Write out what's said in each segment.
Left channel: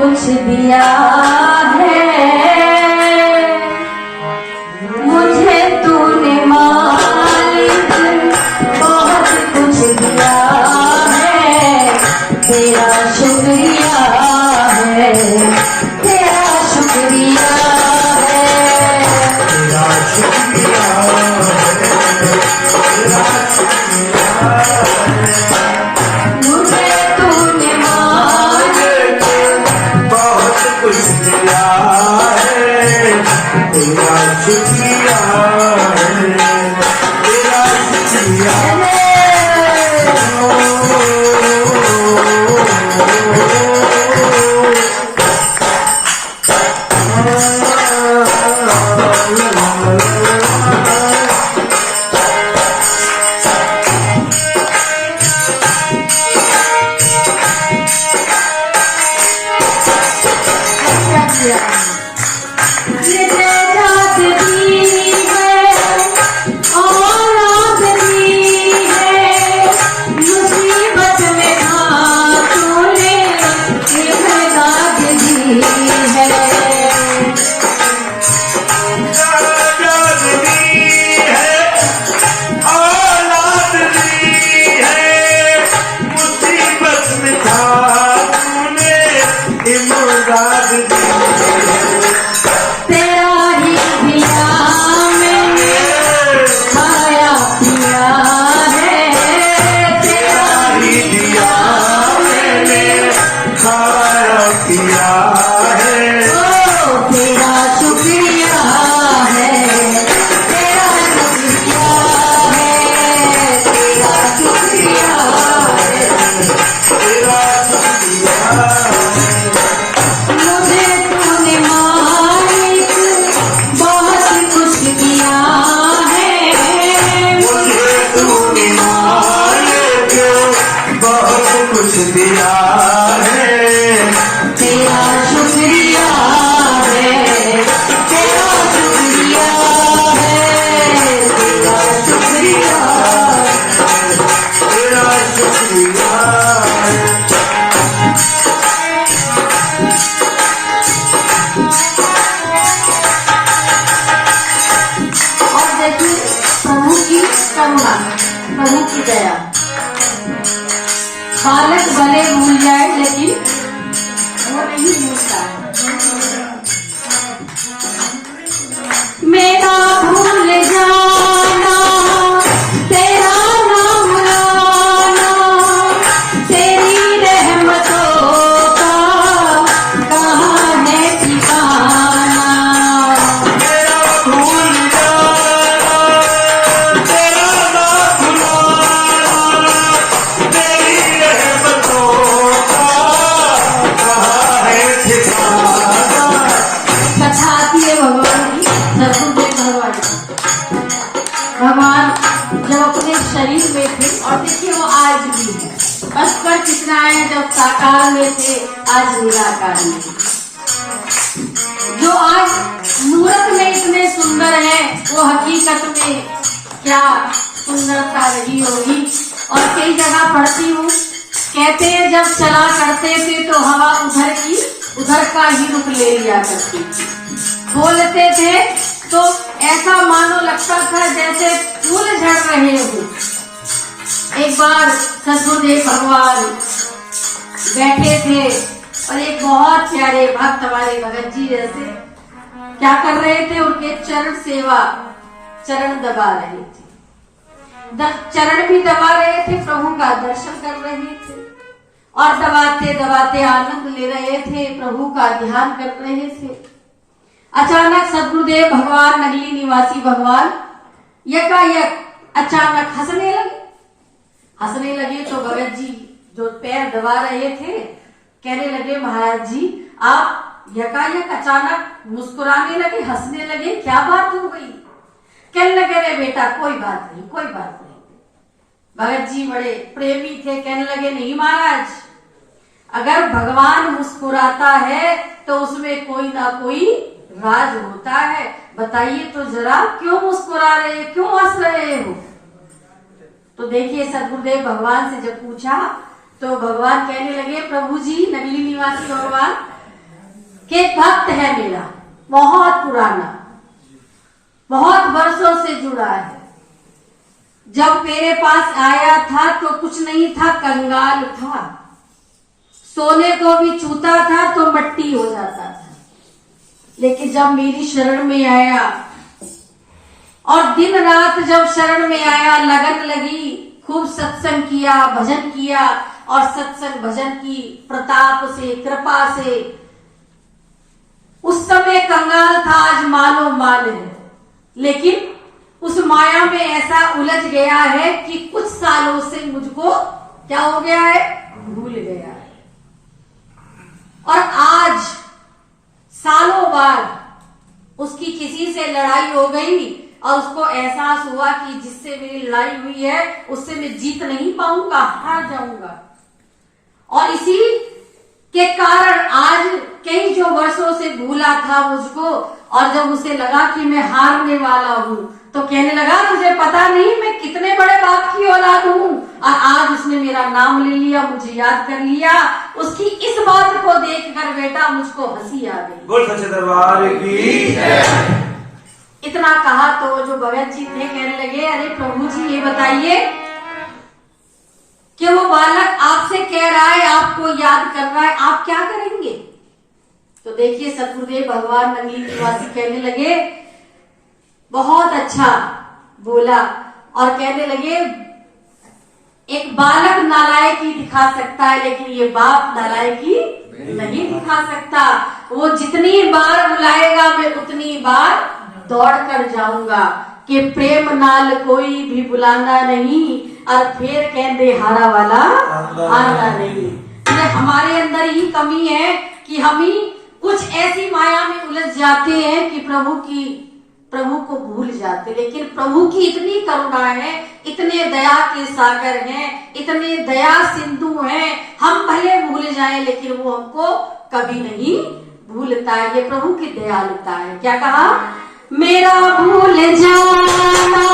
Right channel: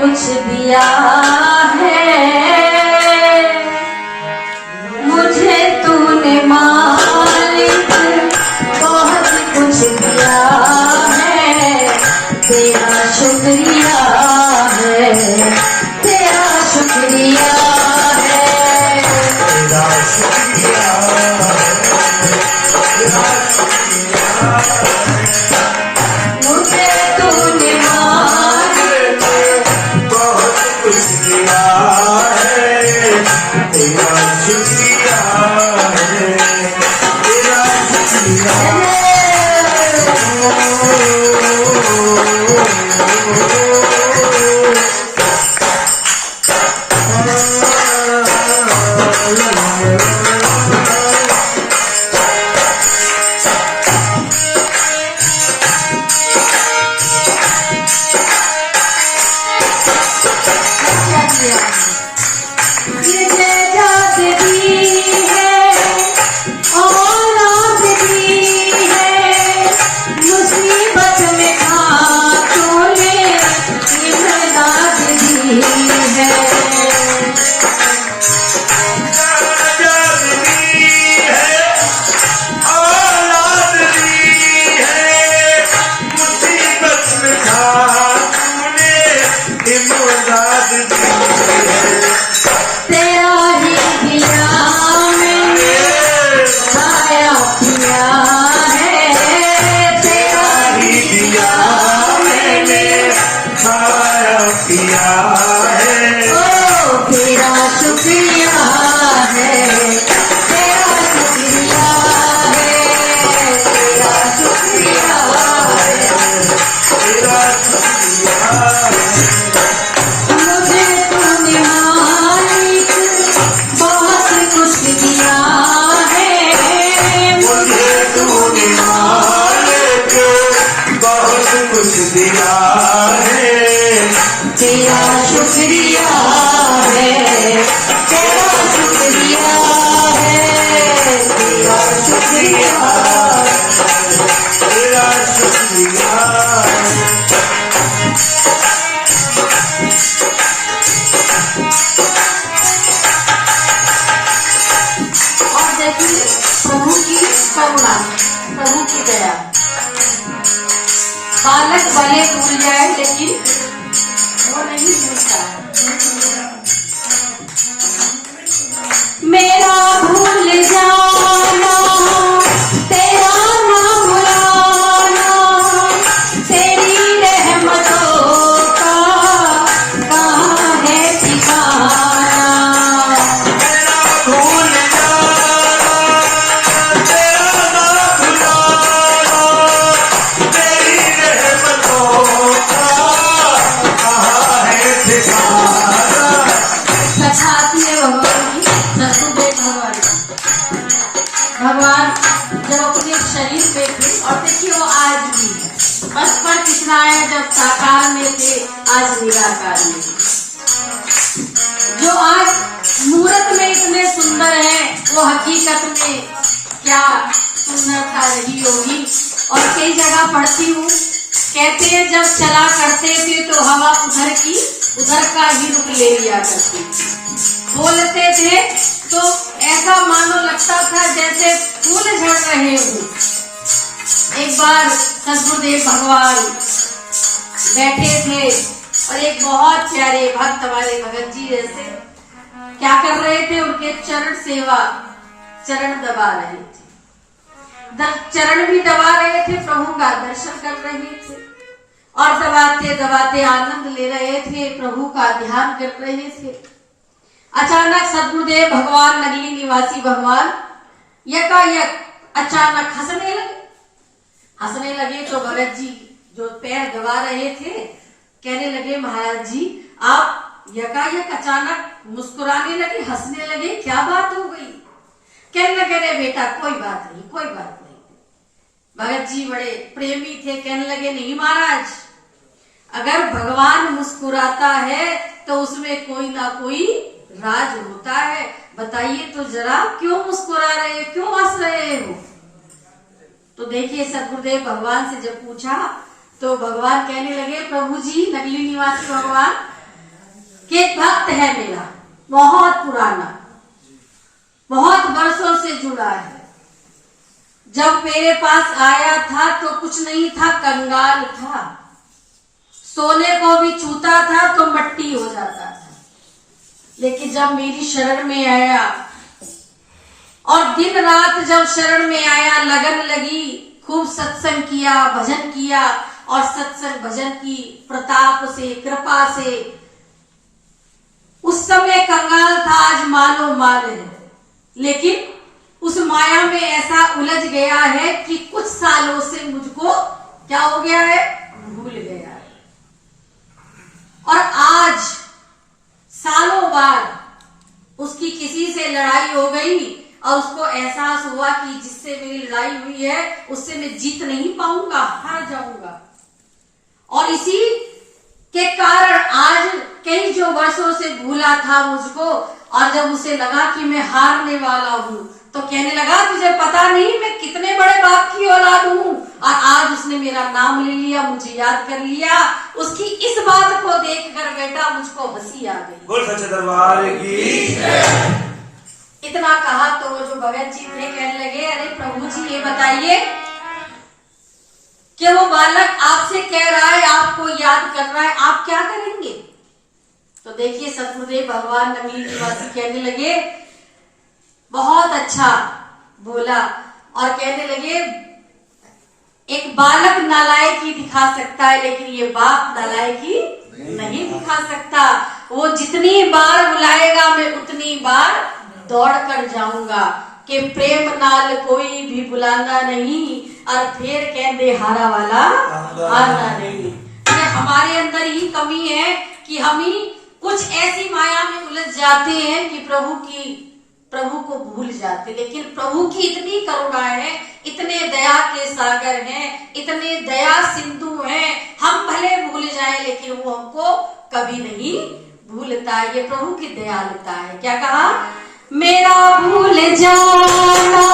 कुछ दिया है मुझे तूने मालिक, बहुत कुछ दिया है। तेरा शुक्रिया है, तेरा शुक्रिया है, तेरा शुक्रिया मुझे तूने मालिक बहुत कुछ दिया है। तेरा शुक्रिया है, तेरा शुक्रिया ये जायदाद दी है, औलाद दी है, मुसीबत में तूने जायदाद दी है। औलाद दी है, मुसीबत में तूने इमदाद दी है। तेरा ही दिया मैंने खाया पिया है, तेरा ही दिया मैंने खाया पिया है। ओ तेरा शुक्रिया है, तेरा शुक्रिया है, तेरा शुक्रिया है, तेरा शुक्रिया मुझे तूने मालिक बहुत कुछ दिया है। मुझे तूने मालिक बहुत कुछ दिया है। तेरा शुक्रिया है, तेरा शुक्रिया है, तेरा शुक्रिया तेरा शुक्रिया और देखिए प्रभु की करुणा, प्रभु की दया। बालक भले भूल जाए लेकिन वो नहीं भूलता। मेरा भूल जाना, तेरा नाम लाना, तेरी रहमतों का कहाँ है ठिकाना। मेरा भूल जाना, तेरा नाम लाना, तेरी रहमतों का कहाँ है ठिकाना। कथा आती है भगवान की, सदगुरुदेव भगवान की। भगवान जब अपने शरीर में थे, और देखिए वो आज भी है। बचपन कितना है, जब साकार में थे, आज निराकार में है। जो आज मूर्त में इतने सुंदर है, वो हकीकत में क्या सुंदरता रही होगी। और कई जगह पढ़ती हूँ, कहते हैं जब चला करते थे तो हवा उधर की उधर का ही रुख ले लिया करती थी। बोलते थे तो ऐसा मानो लगता था जैसे फूल झड़ रहे हो। एक बार सदगुरुदेव भगवान बैठे थे और एक बहुत प्यारे भक्त हमारे भगत जी जैसे क्या कर रहे थे, उनके चरण सेवा, चरण दबा रहे थे। चरण भी दबा रहे थे, प्रभु का दर्शन कर रहे थे और दबाते दबाते आनंद ले रहे थे, प्रभु का ध्यान कर रहे थे। अचानक सदगुरुदेव भगवान, नगली निवासी भगवान यकायक अचानक हंसने लगे। हंसने लगे तो भगत जी जो पैर दबा रहे थे कहने लगे, महाराज जी आप यकायक अचानक मुस्कुराने लगे, हंसने लगे, क्या बात हो गई? कहने लगे, अरे बेटा कोई बात नहीं, कोई बात नहीं। भगत जी बड़े प्रेमी थे, कहने लगे, नहीं महाराज, अगर भगवान मुस्कुराता है तो उसमें कोई ना कोई राज होता है। बताइए तो जरा, क्यों मुस्कुरा रहे, क्यों हंस रहे हो? तो देखिए सदगुरुदेव भगवान से जब पूछा तो भगवान कहने लगे, प्रभु जी, नगली निवासी भगवान, कि एक भक्त है मेरा, बहुत पुराना, बहुत वर्षों से जुड़ा है। जब मेरे पास आया था तो कुछ नहीं था, कंगाल था, सोने को भी छूता था तो मट्टी हो जाता था। लेकिन जब मेरी शरण में आया और दिन रात जब शरण में आया, लगन लगी, खूब सत्संग किया, भजन किया, और सत्संग भजन की प्रताप से, कृपा से उस समय कंगाल था, आज मालो माल है। लेकिन उस माया में ऐसा उलझ गया है कि कुछ सालों से मुझको क्या हो गया है, भूल गया है। और आज सालों बाद उसकी किसी से लड़ाई हो गई और उसको एहसास हुआ कि जिससे मेरी लड़ाई हुई है उससे मैं जीत नहीं पाऊंगा, हार जाऊंगा। और इसी के कारण आज कई जो वर्षों से भूला था मुझको, और जब उसे लगा कि मैं हारने वाला हूं तो कहने लगा तुझे पता नहीं मैं कितने बड़े बाप की औलाद हूं। और आज उसने मेरा नाम ले लिया, मुझे याद कर लिया। उसकी इस बात को देखकर बेटा मुझको हंसी आ गई। बोल सच्चे दरबार की जय। इतना कहा तो वो जो भगत जी थे कहने लगे, अरे प्रभु जी ये बताइए कि वो बालक आपसे कह रहा है, आपको याद कर रहा है, आप क्या करेंगे? तो देखिए सतगुरुदेव भगवान नंगली निवासी कहने लगे, बहुत अच्छा बोला, और कहने लगे एक बालक नालायकी दिखा सकता है लेकिन ये बाप नालायकी नहीं दिखा सकता। वो जितनी बार बुलाएगा मैं उतनी बार दौड़ कर जाऊंगा कि प्रेम नाल कोई भी बुलाना नहीं, और फिर कहते हारा वाला आना नहीं। ये हमारे अंदर ही कमी है कि हम ही कुछ ऐसी माया में उलझ जाते हैं कि प्रभु को भूल जाते। लेकिन प्रभु की इतनी करुणा है, इतने दया के सागर हैं, इतने दया सिंधु हैं, हम भले भूल जाएं लेकिन वो हमको कभी नहीं भूलता है। ये प्रभु की दयालुता है। क्या कहा, मेरा भूल जाना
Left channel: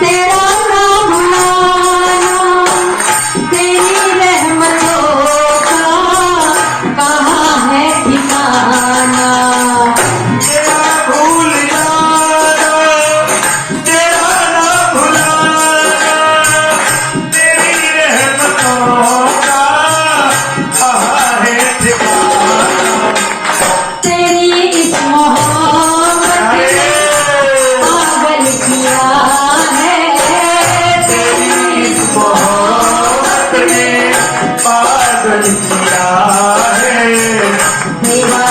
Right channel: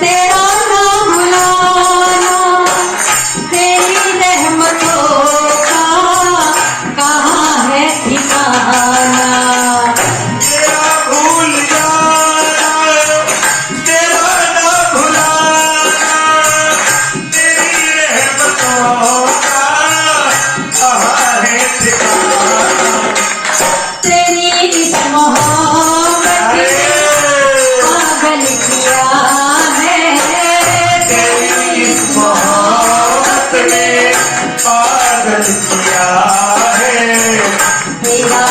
तेरा ना भुलाना, तेरी रहमतों का कहाँ है ठिकाना। मेरा भूल जाना तेरा ना भुलाना, तेरी रहमतों का कहाँ है ठिकाना। तेरी इस मोहब्बत ने पागल किया है, तेरी इस मोहब्बत ने पागल किया है। मेरा